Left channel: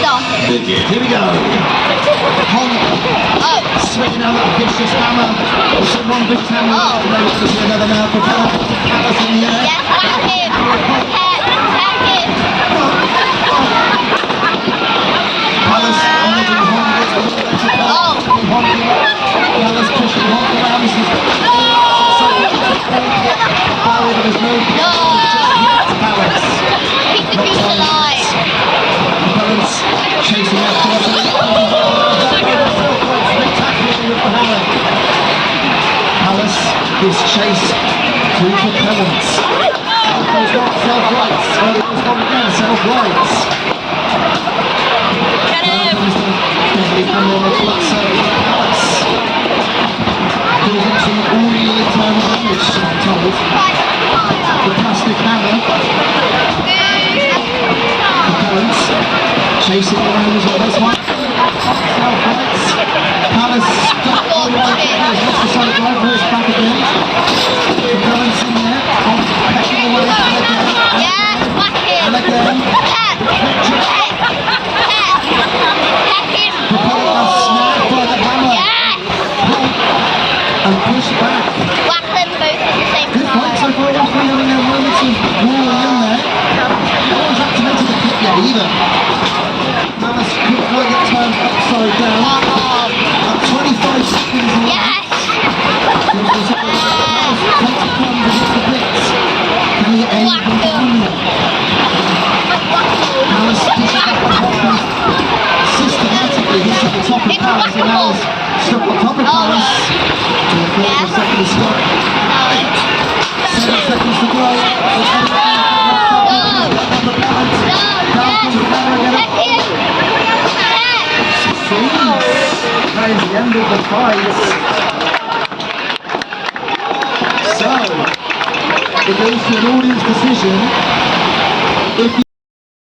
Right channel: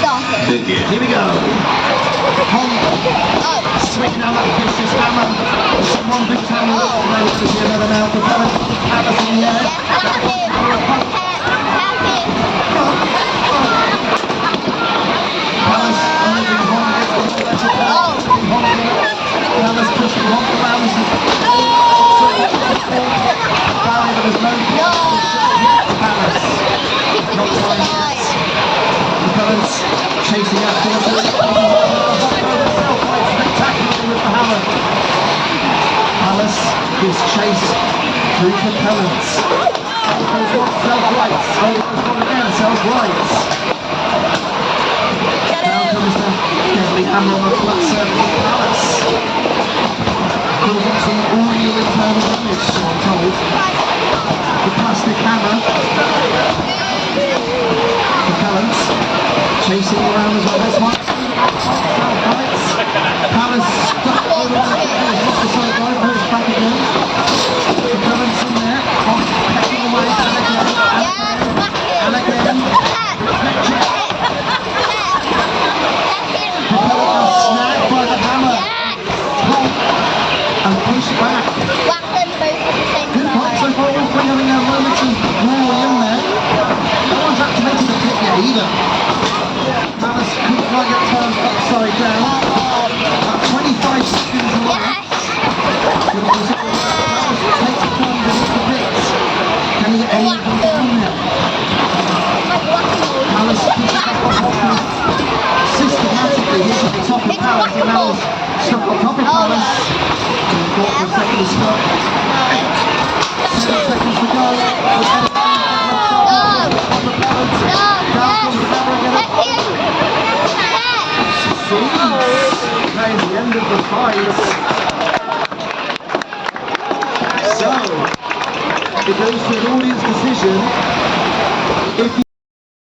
started. Wicked. Here we go. Honk. Oh. Swinging out that vicious hammer. It's a one big hammer. Oh. No, it's another now. Propellant. Pallas in the air. Yes, tag him. Tag him. Pallas managing Honk. It's the electric Oh. Pallas pushing Honk around. This is Keep the beast alive. Propellant's chasing after us. Spectacularly with the hammer. Pallas gives chase to Propellant. Goes one self-rights. Goes one again, self-rights. Now comes the deadly hammer on the flat surface of Pallas. Does actually all the internal damage, I'm told. The plastic hammer. Propellant chasing around as well as one. Self-rights. Pallas stuck all the way down. He's lost the side drive, goes back again. Propellant's in there. Pecking away and again. Yes, whack him. And again. Peck. Peck him. Propellant was snapped by the hammer. Yes. And pushed back. Whack them both at the same Good fight so time. far, everyone in their moments of war in there. No one's activated the pick yet either. Pallas couldn't quite get time upside down. 25 seconds left. Yes. Pallas takes the time to hit the picks. Can they get any of them? Pallas pushes back on Hopkins. Systematically hits at the top of Pallas and now is stuck on top of Pallas. 40 seconds stuck. 7 seconds to go. That is the end of the fight. So, it goes to an audience decision. If